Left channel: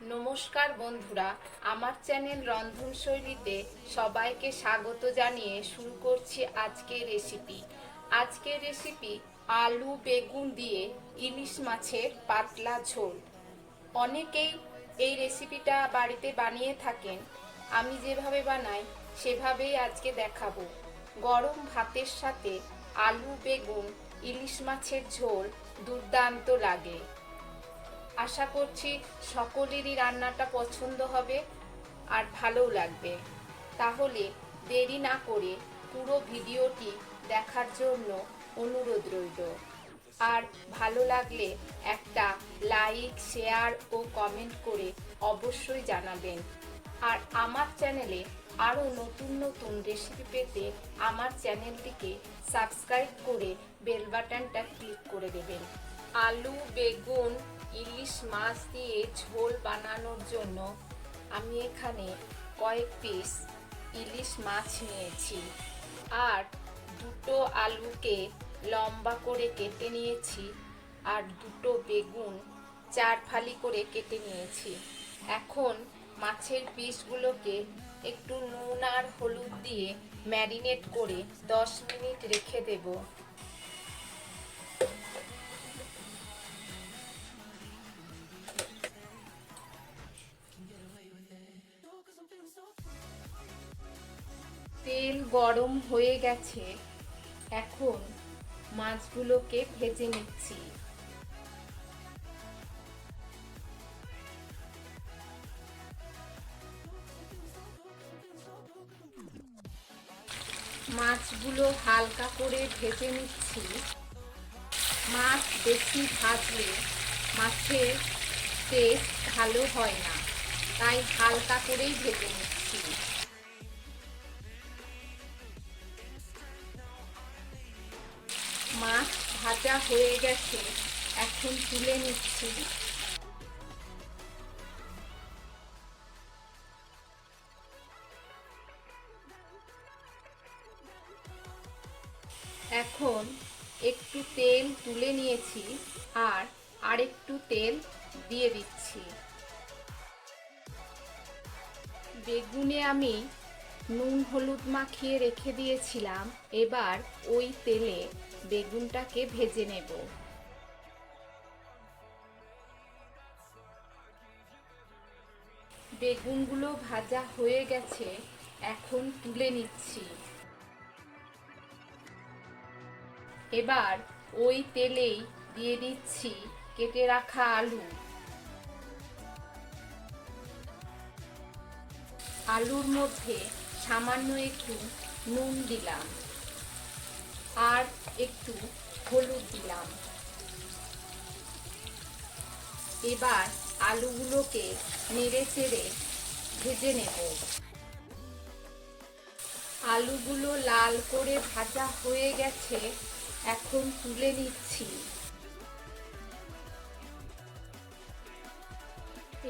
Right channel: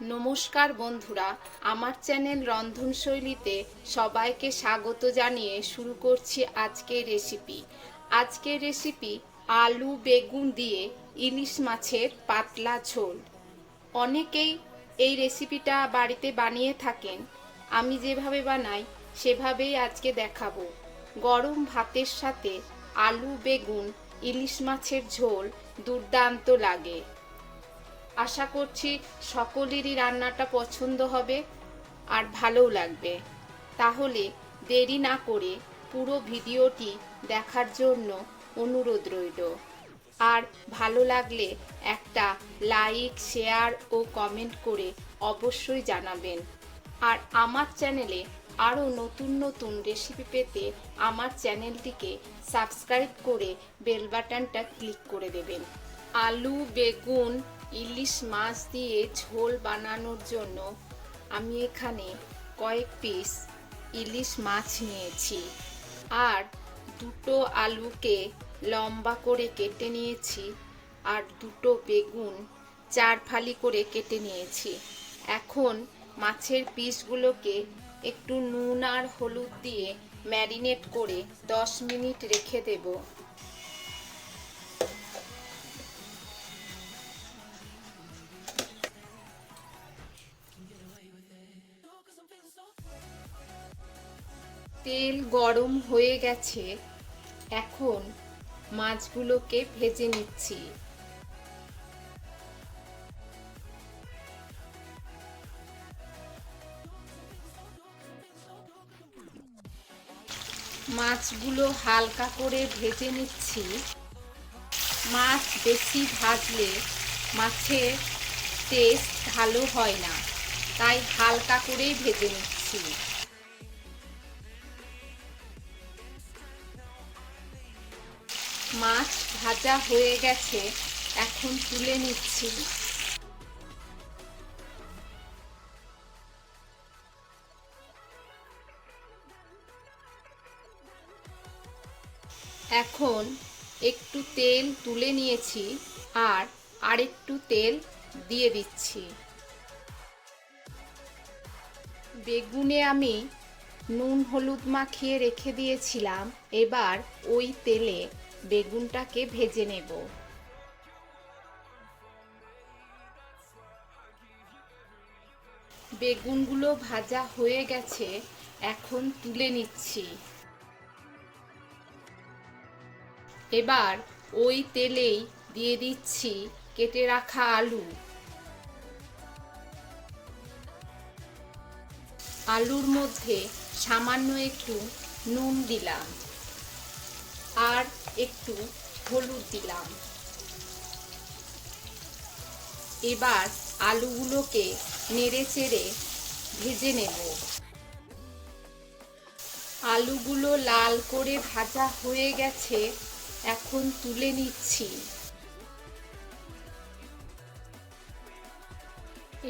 নমস্কার বন্ধুরা, আমার চ্যানেল রন্ধন শৈলীতে সবাইকে স্বাগত জানিয়ে শুরু করছি আজকের রেসিপি। আজকের রেসিপি আলু বেগুন দিয়ে ইলিশ মাছের পাতলা ঝোল। অনেকেই এই রেসিপিটা বাড়িতে বানিয়ে থাকেন। আমি যেভাবে বানাই সেভাবেই আজকে দেখাবো। গরম ভাতের সাথে আলু বেগুন ইলিশ মাছের ঝোল দুর্দান্ত লাগে। আশা করছি সকলেরই রান্নাটা পছন্দ হবে আর ভালোও লাগবে। তাহলে দেরি না করে পুরো ভিডিওটি দেখার জন্য অনুরোধ রইল। আর ভালো লাগলে একটা লাইক, শেয়ার ও কমেন্ট করে অবশ্যই জানাবেন। আর আমার চ্যানেলে আরও নতুন নতুন রেসিপি পেতে আমার চ্যানেলটিকে সাবস্ক্রাইব করে বেল বাটনটা ক্লিক করে দেবেন। আলু বেগুন ইলিশ মাছ দিয়ে ঝোল বানানোর জন্য আমি এখানে কয়েক পিস ইলিশ মাছ নিয়েছি আর দুটো আলুকে লম্বা করে কেটে নিয়েছি আর দুটো বেগুন 4 ফালি করে কেটে নিয়েছি। এখন মাছের পিসগুলোকে একটু নুন আর হলুদ দিয়ে ম্যারিনেট করে 10 মিনিট রেখে দেব। তেল গরম হয়ে গেছে, এখন মাছগুলোকে ভেজে নিচ্ছি। মাছগুলো হালকা করে ভেজে নিচ্ছি। মাছ বেশি ভাজলে মাছের টেস্ট ভালো হয় না, তাই হালকা করেই ভেজে নিচ্ছি। মাছ ভাজা হয়ে গেছে, এখন তুলে নিচ্ছি। এখন একটু তেল তুলে নিয়েছি আর আরেকটু তেল দিয়ে দিচ্ছি। বেগুনে আমি নুন হলুদ মাখিয়ে রেখে দিয়েছিলাম, এবার ওই তেলে বেগুনটাকে ভেজে নেব। বেগুনগুলো ভাজা হয়ে গেছে, এখন তুলে নিচ্ছি। এবার ওই তেলেই দিয়ে দিচ্ছি কেটে রাখা আলু। আলুর মধ্যে সামান্য একটু নুন দিলাম আর একটু হলুদ দিলাম। এবার আলুগুলোকে নেড়ে চেড়ে ভেজে নেব। আলুগুলো লাল করে ভাজা হয়ে গেছে, এখন তুলে নিচ্ছি।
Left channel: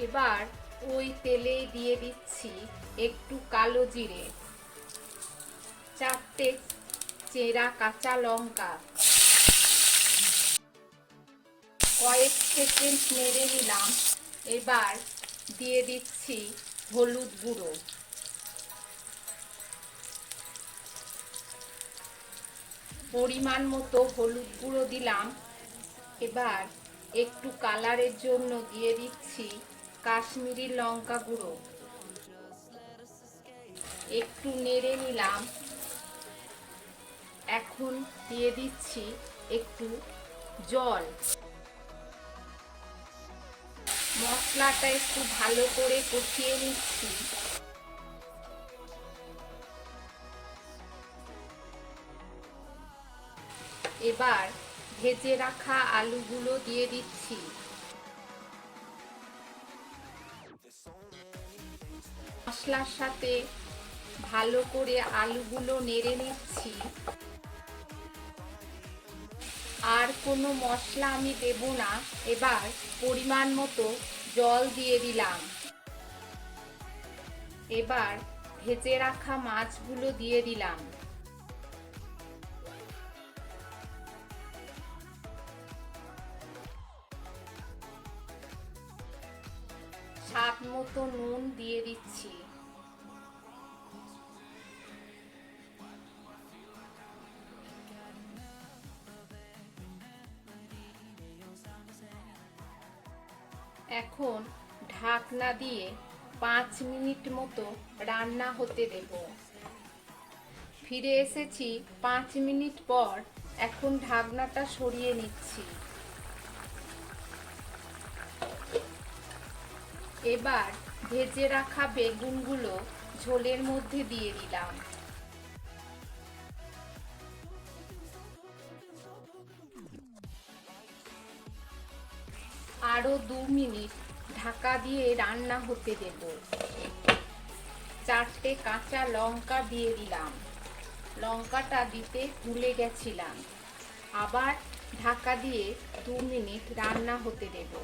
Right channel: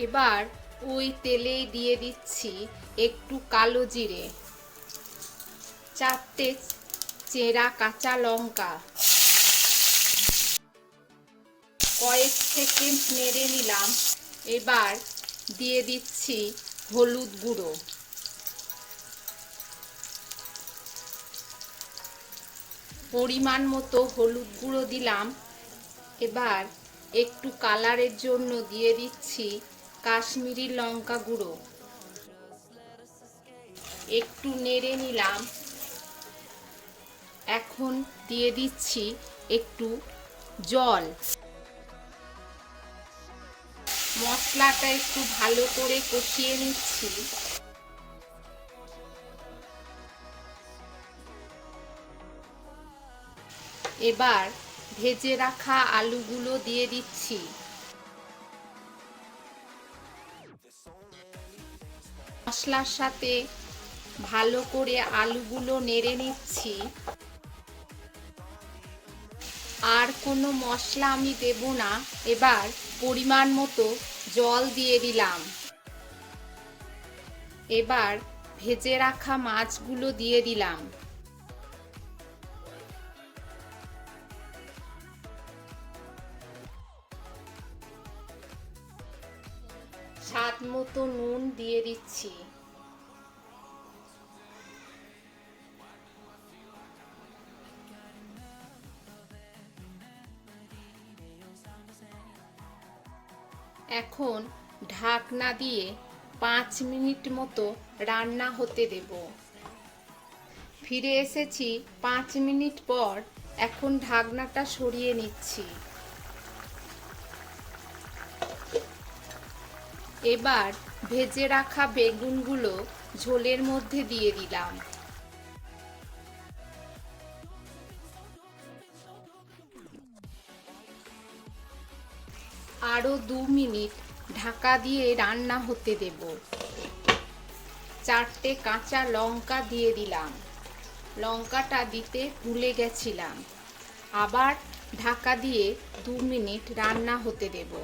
এবার ওই তেলে দিয়ে দিচ্ছি একটু কালো জিরে, 4টে চেরা কাঁচা লঙ্কা। কয়েক সেকেন্ড নেড়ে নিলাম। এবার দিয়ে দিচ্ছি হলুদ গুঁড়ো, পরিমাণ মতো হলুদ গুঁড়ো দিলাম। এবার একটু কালারের জন্য দিয়ে দিচ্ছি কাশ্মীরি লঙ্কা গুঁড়ো। একটু নেড়ে নিলাম। এখন দিয়ে দিচ্ছি একটু জল। মশলাটা একটু ভালো করে কষিয়ে নিচ্ছি। এবার ভেজে রাখা আলুগুলো দিয়ে দিচ্ছি। মশলার সাথে ভালো করে আলুগুলো নেড়ে নিচ্ছি। আর কোনো মশলা আমি দেব না। এবার পরিমাণ মতো জল দিয়ে দিলাম। এবার ভেজে রাখা মাছগুলো দিয়ে দিলাম। স্বাদ স্বাদ মতো নুন দিয়ে দিচ্ছি। এখন ঢাকনা দিয়ে 5 মিনিট মতো রান্না হতে দেব। ফিরে এসেছি 5 মিনিট পর। এখন ঢাকনাটা সরিয়ে নিচ্ছি। এবার ভেজে রাখা বেগুনগুলো ঝোলের মধ্যে দিয়ে দিলাম। আরো 2 মিনিট ঢাকা দিয়ে রান্না হতে দেব। 4টে কাঁচা লঙ্কা দিয়ে দিলাম। লঙ্কাটা দিতে ভুলে গেছিলাম। আবার ঢাকা দিয়ে 2 মিনিট রান্না হতে দেব।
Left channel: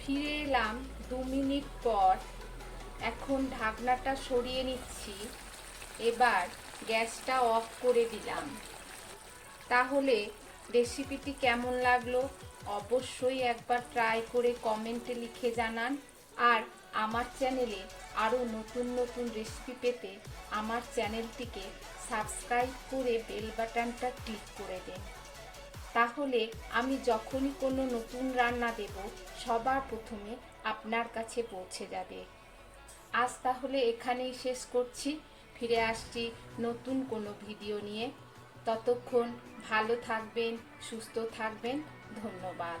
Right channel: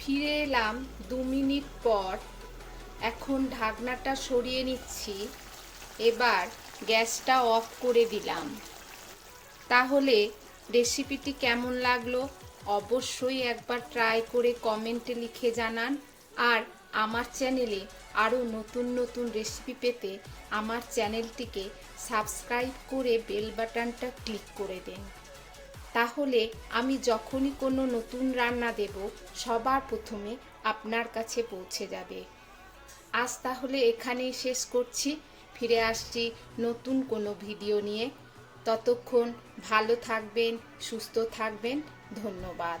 ফিরে এলাম 2 মিনিট পর। এখন ঢাকনাটা সরিয়ে নিচ্ছি। এবার গ্যাসটা অফ করে দিলাম। তাহলে রেসিপিটি কেমন লাগলো অবশ্যই একবার ট্রাই করে কমেন্টে লিখে জানান। আর আমার চ্যানেলে আরও নতুন নতুন রেসিপি পেতে আমার চ্যানেলটিকে সাবস্ক্রাইব করে বেল বাটনটা ক্লিক করে দিন। তাহলে আমি যখনই কোনো নতুন রান্না দেব সবার প্রথমে আপনার কাছে পৌঁছে যাবে। আজ তাহলে এখানেই শেষ করছি। ফিরে আসছি নতুন কোনো ভিডিও নিয়ে। ততক্ষণ ভালো থাকবেন, সুস্থ থাকবেন। ধন্যবাদ।